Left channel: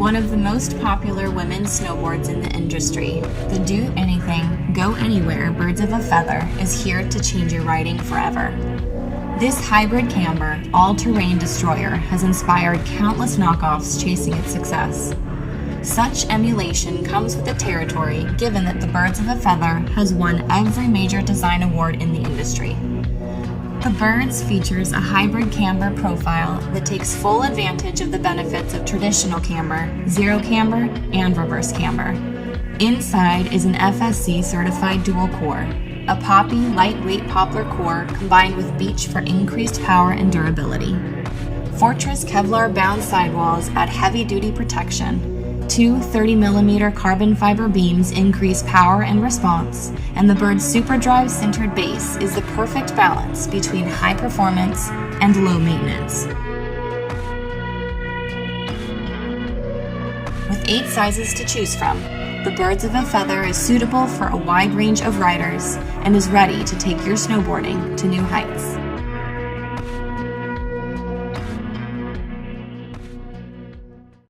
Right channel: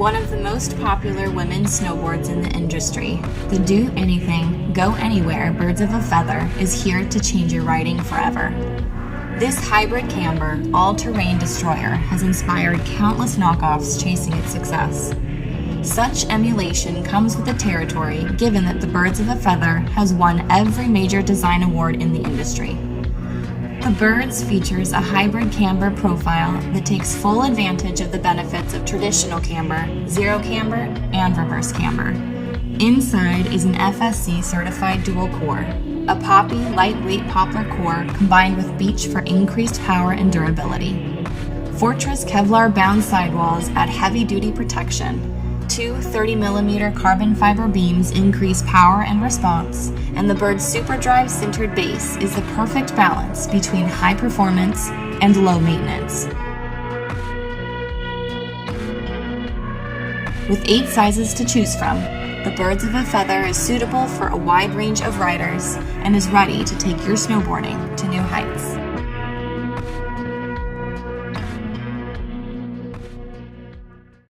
one of the most popular women's snowboards in the industry, the do anything, go anywhere Birds of a Feather is here to change your riding forever. This hybrid camber, all-terrain destroyer has inspired countless knockoffs chasing its success. Such emulation comes with the territory given that the Birds of a Feather has won every major design award in the industry. The Birds features a hybrid camber profile that takes full advantage of the benefits of traditional camber, zero camber, and reverse camber. Inside is an FSC certified dual core, a poppy lightweight poplar core combined with Beech for increased power and durability. Fortress Kevlar bound sidewalls add heavy duty protection. Two 30mm carbon fiber beams increase power and response, and the Bird's SUPERDRIVE sintered base is the perfect balance between high performance and low maintenance. With 8 sizes to choose from, the Birds of a Feather is suitable for a wide range of riders and is ready to take your snowboarding to new heights.